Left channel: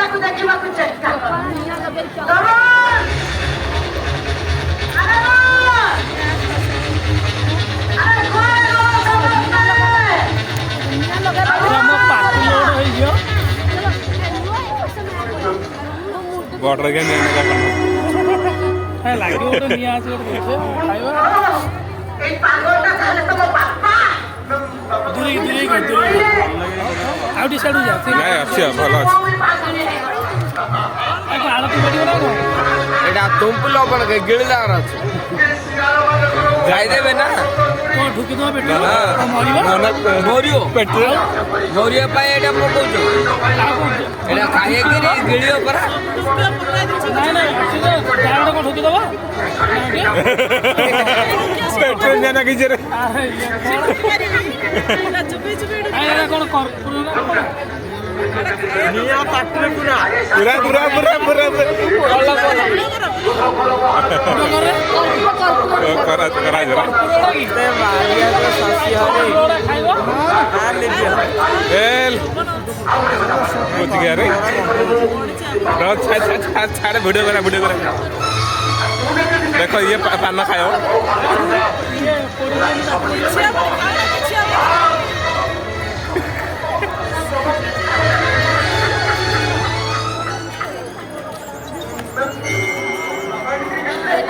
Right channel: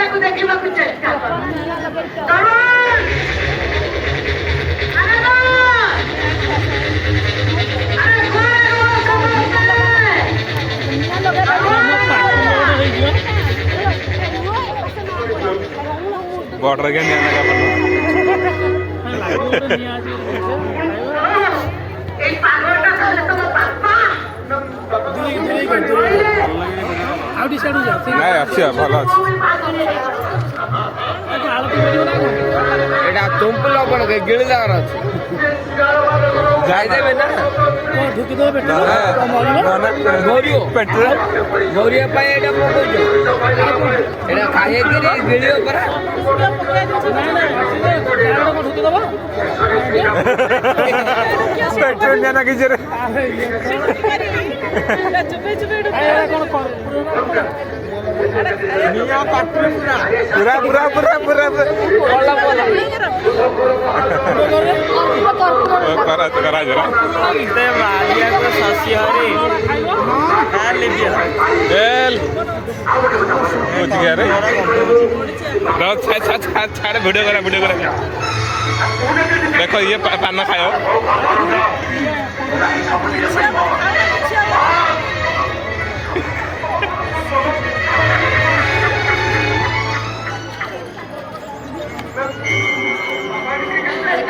ତାକୁ ଦେଖିବାକୁ ଚେଷ୍ଟା କର। बॉर्डर के निया का पन्ना नहीं अच्छी भल अच्छी एटा तुमको लबण के गिळ जाणार ଅଛି जाय देबे ना तो ढुक दो बेटा ना ना मोरियो पेट्रोल मोरियो पाए एटा पकोछ एटा खाए कि गिळियो करा पेट्रोल जाना की जरे निया पात्र पूरा पूरा पूरा पूरा पूरा बोला बोला करा करा जरा ते मारिया को ससी हरे आ ले दिया एल कुछ गया रे छाड़ वीडियो करा देखो ये पाना खाओ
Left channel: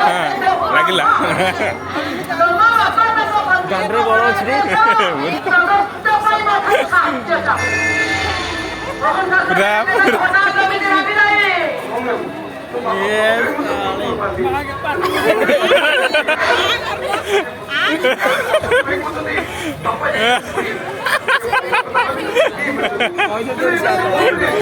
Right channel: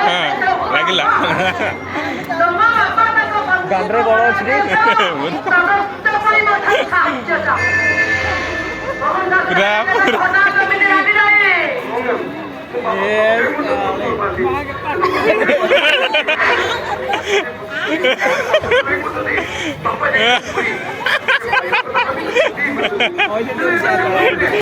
हाँ लगिला गांडरे बड़ अछि रे पूरा पूरा ये साले